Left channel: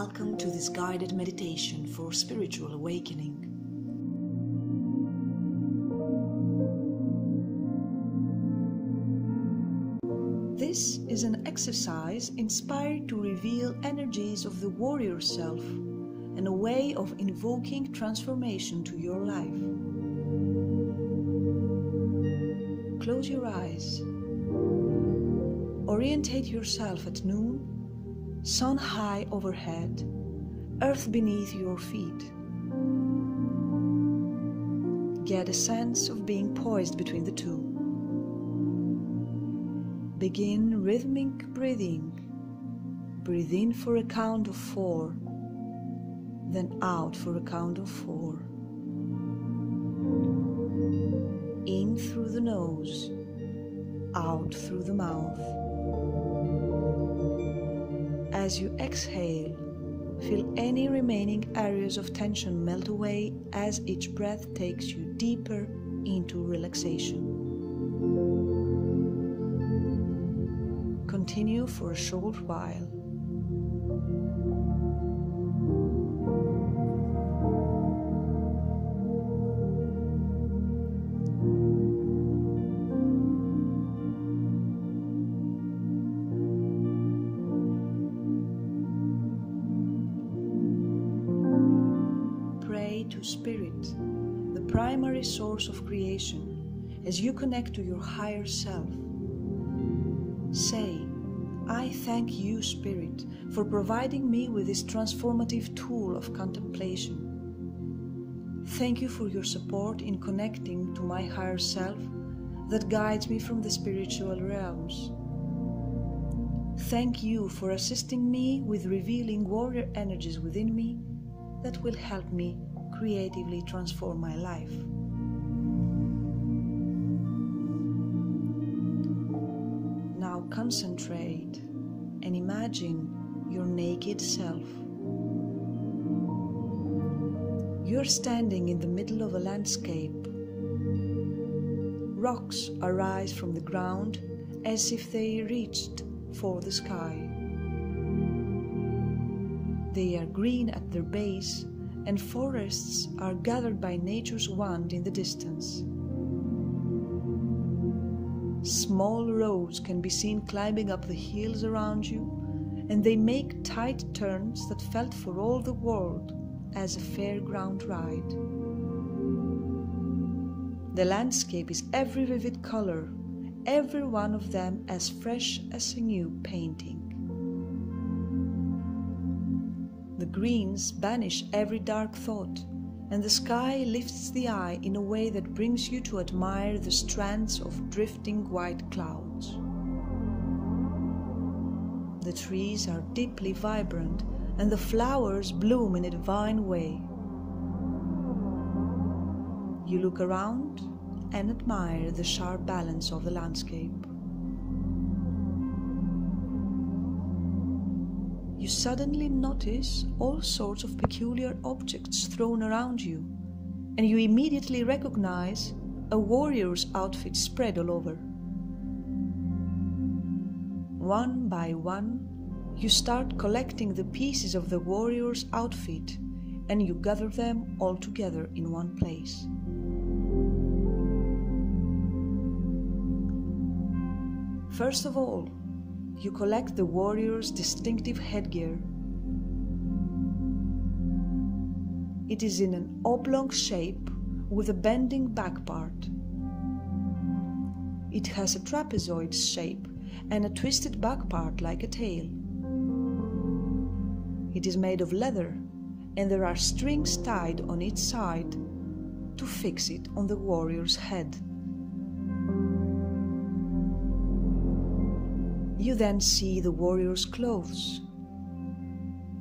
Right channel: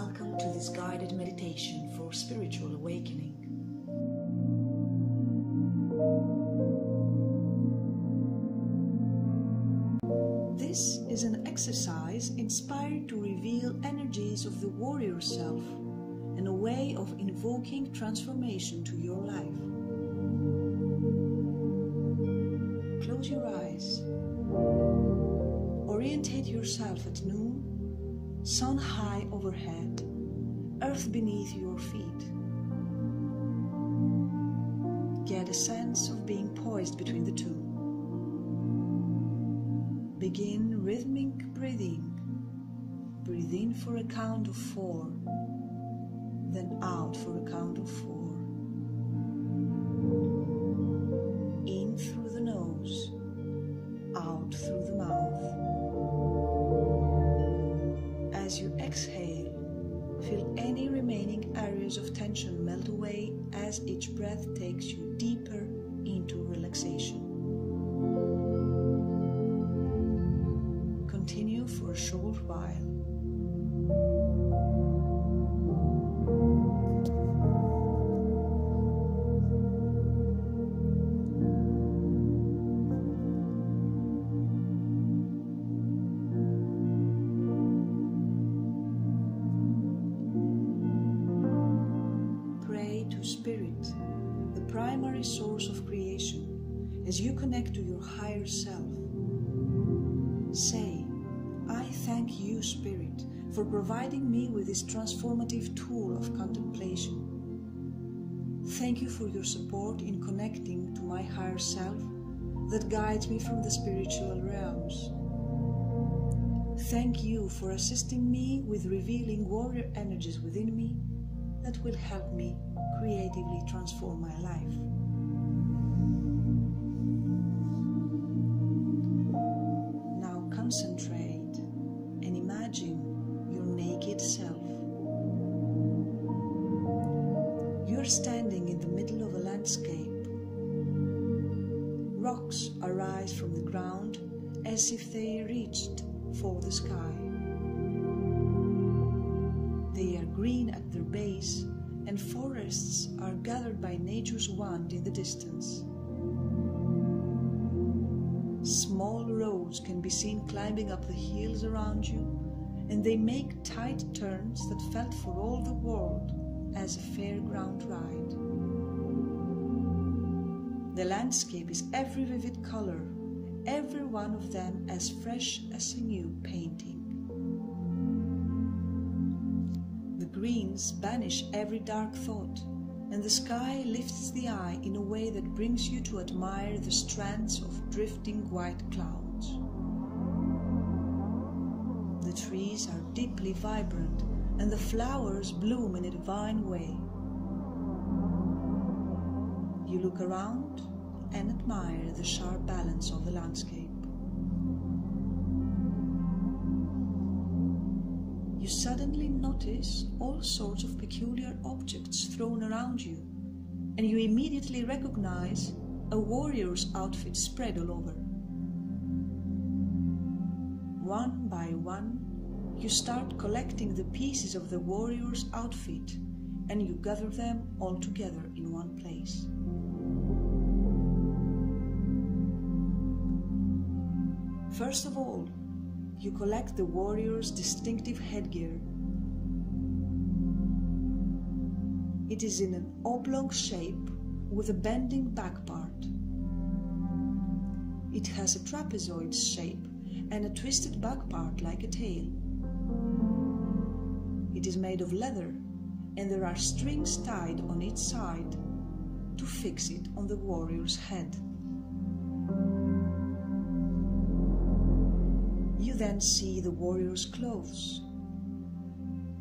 Welcome to this guided meditation for spiritual awakening. This is an exercise inspired to reveal energies of the warrior self and a way of invoking transformation to your life. Close your eyes. Orientate yourself at noon. Sun high overhead, earth beneath your feet. Get a sense of being poised between the two. Begin rhythmic breathing. Breathe in for a count of 4, then out for a count of 4. In through the nose, out through the mouth. As you exhale, feel any remaining areas of tension melt away as each breath takes you deeper into relaxation. Continue for a short while. To Spirit, the primary source of creation, as you connect to your higher self. Say, I thank you, Spirit, for providing me with this transformative tool of contemplation. Thank you for your support in connecting to my higher self that guides me from the spiritual realms. Thank you for assisting me with revealing warrior energies within me that will help me creatively transform my life. Now concentrate and imagine your naked self. You're standing in the middle of a landscape. Rocks arise from the ground as if they reached for the sky. They are green at their base, and forests are gathered by nature's wand in the distance. Small roads can be seen climbing up the hills around you, and they make tight turns that felt for all the world as a fairground ride. The landscape is every vivid color, every one of them as fresh as a new painting. The greens banish every dark thought, and the sky lifts the eye in a way that brings you to admire the strands of drifting white clouds. The trees are deeply vibrant, and the flowers bloom in a divine way. You look around and admire the sharp balance of the landscape. You suddenly notice all sorts of peculiar objects thrown around you, and you immediately recognize a warrior's outfit spread all over. One by one, you start collecting the pieces of the warrior's outfit, and you gather them all together in one place. First of all, you collect the warrior's distinctive headgear. It is in an oblong shape with a bending back part. It has a trapezoid shape and a twisted back part like a tail. It is made of leather, and there are strings tied on each side to fix it on the warrior's head. You then see the warrior's clothes.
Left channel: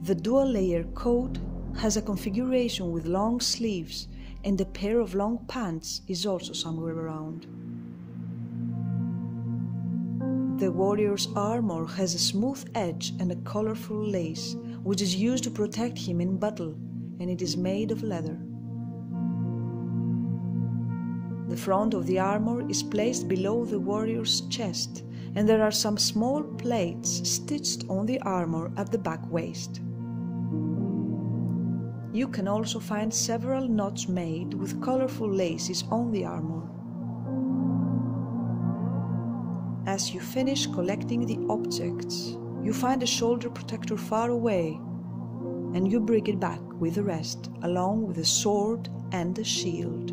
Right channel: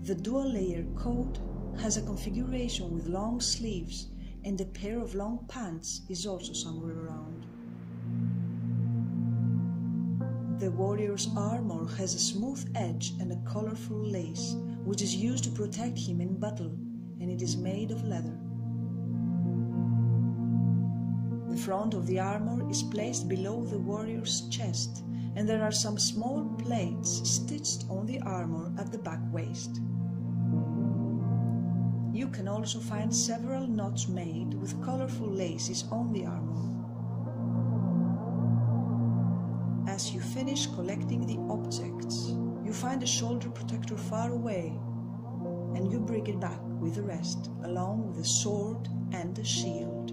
The dual-layer coat has a configuration with long sleeves, and a pair of long pants is also somewhere around. The warrior's armor has a smooth edge and a colorful lace, which is used to protect him in battle, and it is made of leather. The front of the armor is placed below the warrior's chest, and there are some small plates stitched on the armor at the back waist. You can also find several knots made with colorful laces on the armor. As you finish collecting the objects, you find a shoulder protector far away, and you bring it back with the rest, along with a sword and a shield.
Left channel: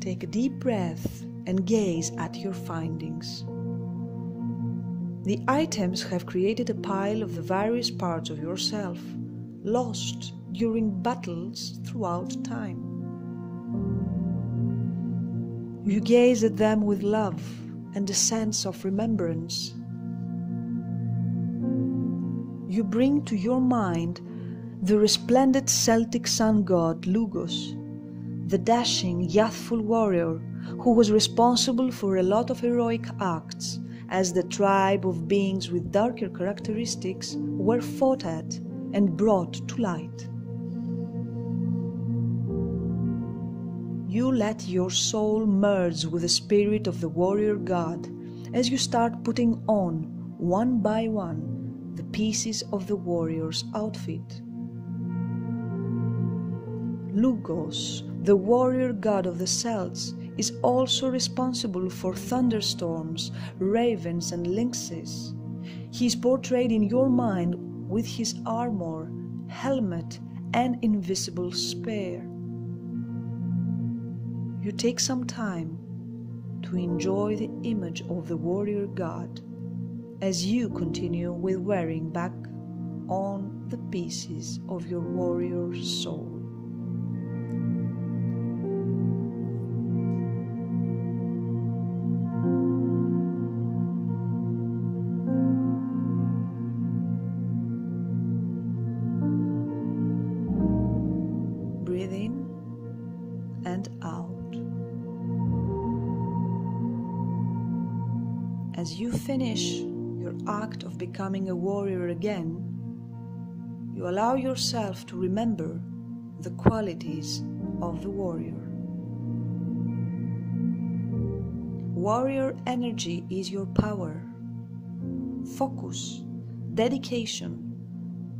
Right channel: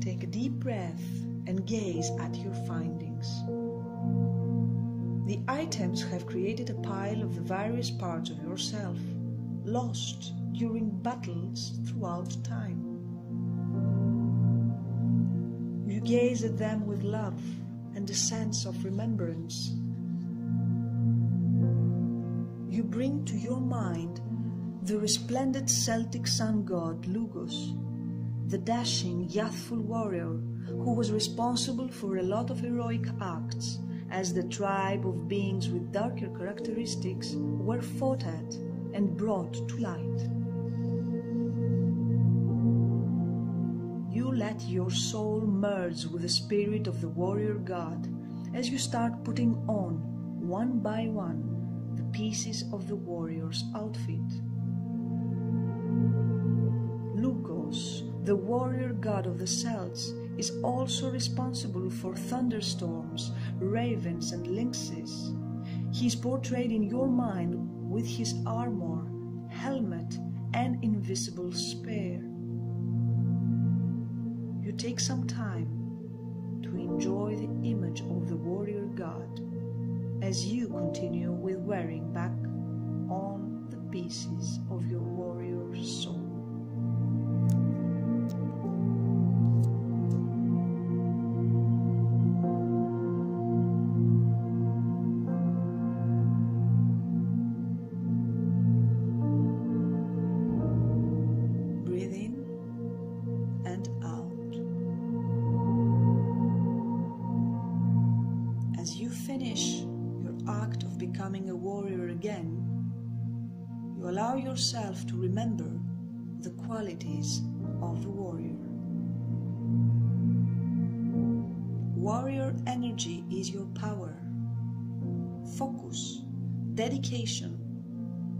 Take a deep breath and gaze at your findings. The items have created a pile of the various parts of yourself, lost during battles throughout time. You gaze at them with love and a sense of remembrance. You bring to your mind the resplendent Celtic sun god Lugos, the dashing, youthful warrior who was responsible for a lot of heroic acts as the tribe of beings with darker characteristics were fought at and brought to light. You let your soul merge with the spirit of the warrior god as you start putting on, one by one, the pieces of the warrior's outfit. Lugos, the warrior god of the Celts, is also responsible for thunderstorms, ravens and lynxes. He is portrayed in your mind with his armor, helmet and invisible spear. You take some time to enjoy the image of the warrior god as you continue with wearing back on the pieces of your warrior soul. Breathe in and out. As you finish your act of becoming a warrior again, you allow yourself to remember the qualities of the warrior. Warrior energy is your power, focus, dedication,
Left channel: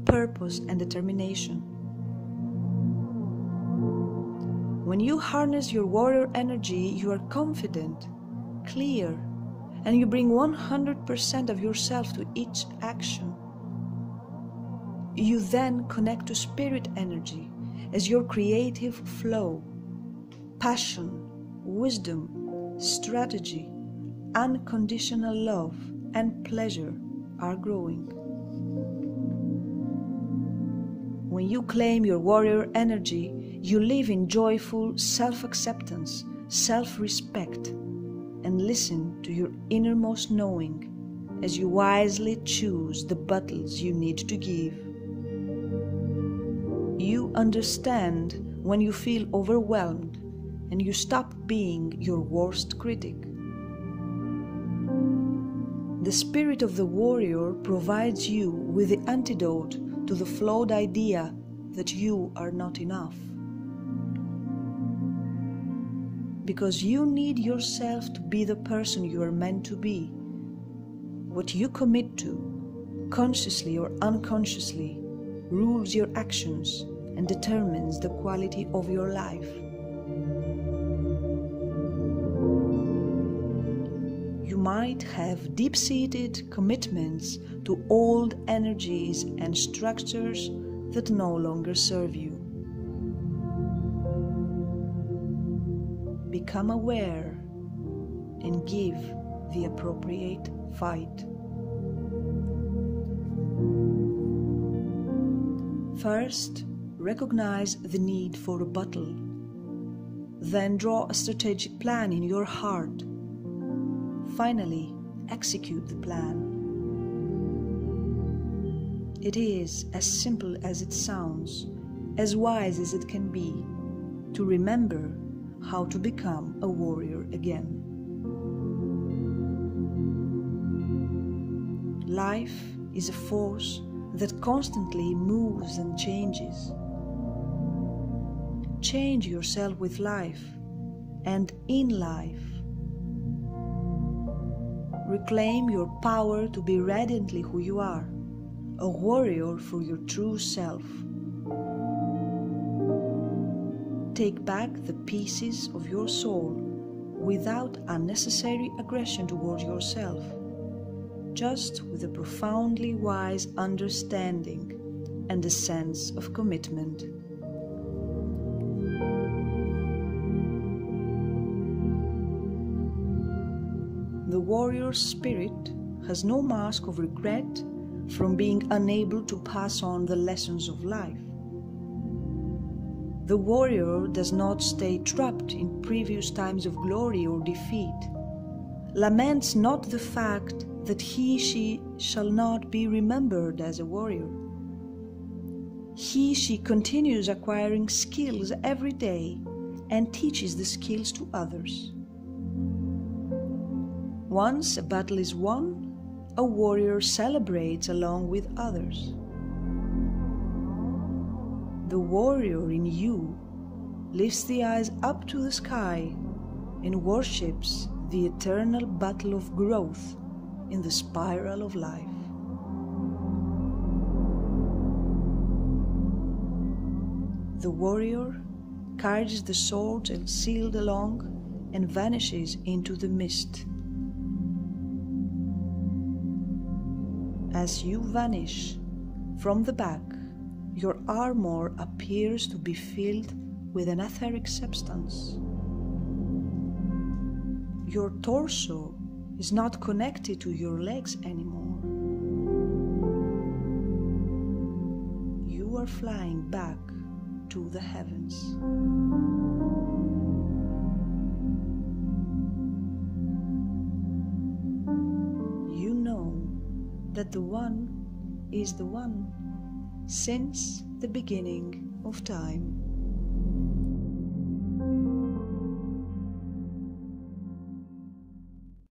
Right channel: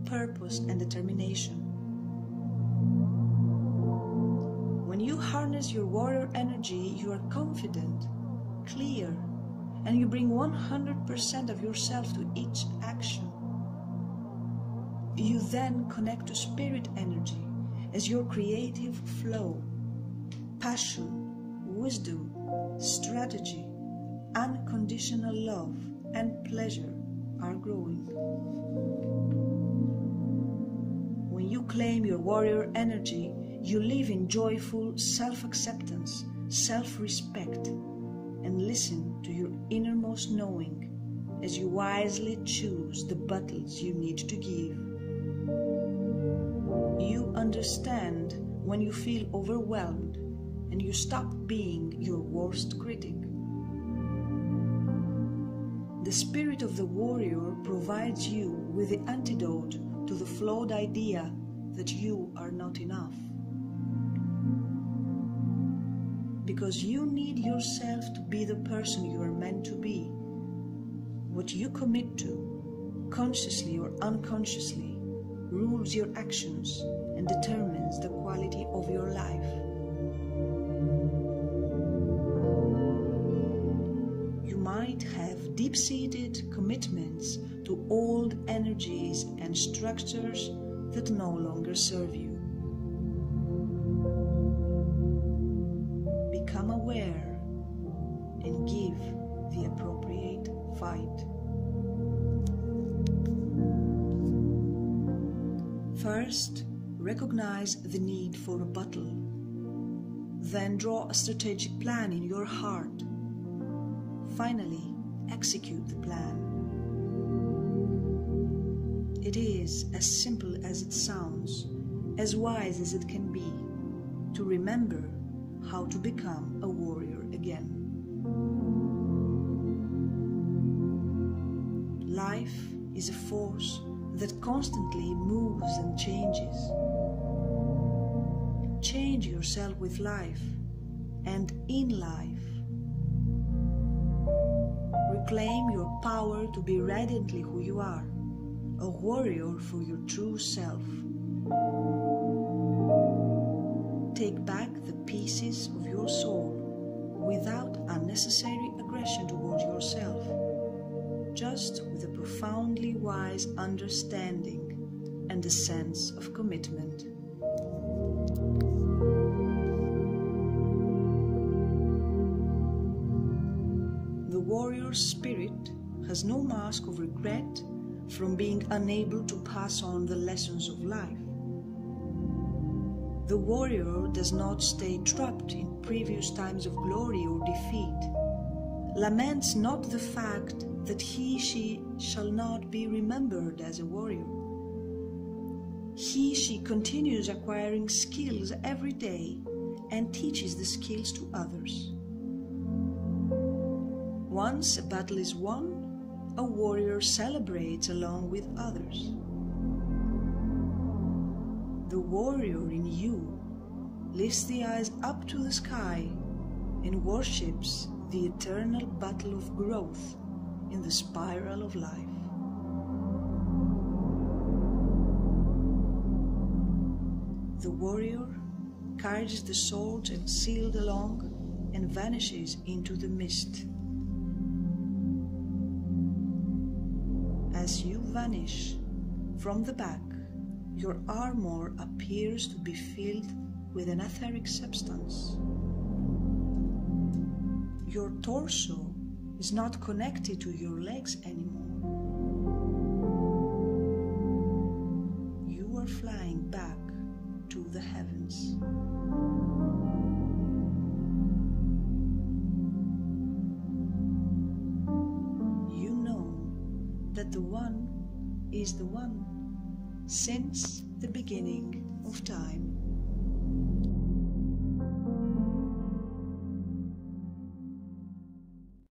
purpose and determination. When you harness your warrior energy, you are confident, clear, and you bring 100% of yourself to each action. You then connect to spirit energy as your creative flow, passion, wisdom, strategy, unconditional love, and pleasure are growing. When you claim your warrior energy, you live in joyful self-acceptance, self-respect, and listen to your innermost knowing as you wisely choose the battles you need to give. You understand when you feel overwhelmed and you stop being your worst critic. The spirit of the warrior provides you with the antidote to the flawed idea that you are not enough. Because you need yourself to be the person you are meant to be. What you commit to, consciously or unconsciously, rules your actions and determines the quality of your life. You might have deep-seated commitments to old energies and structures that no longer serve you. Become aware and give the appropriate fight. First, recognize the need for a battle. Then draw a strategic plan in your heart. Finally, execute the plan. It is as simple as it sounds, as wise as it can be, to remember how to become a warrior again. Life is a force that constantly moves and changes. Change yourself with life and in life. reclaim your power to be radiantly who you are, a warrior for your true self. Take back the pieces of your soul without unnecessary aggression towards yourself, just with a profoundly wise understanding and a sense of commitment. The warrior spirit has no mask of regret from being unable to pass on the lessons of life. The warrior does not stay trapped in previous times of glory or defeat, laments not the fact that she shall not be remembered as a warrior. She continues acquiring skills every day and teaches the skills to others. Once a battle is won, a warrior celebrates along with others. The warrior in you lifts the eyes up to the sky and worships the eternal battle of growth in the spiral of life. The warrior carries the sword and shield along and vanishes into the mist. As you vanish from the back, your armor appears to be filled with an etheric substance. Your torso is not connected to your legs anymore. You are flying back to the heavens. You know that the One is the One since the beginning of time.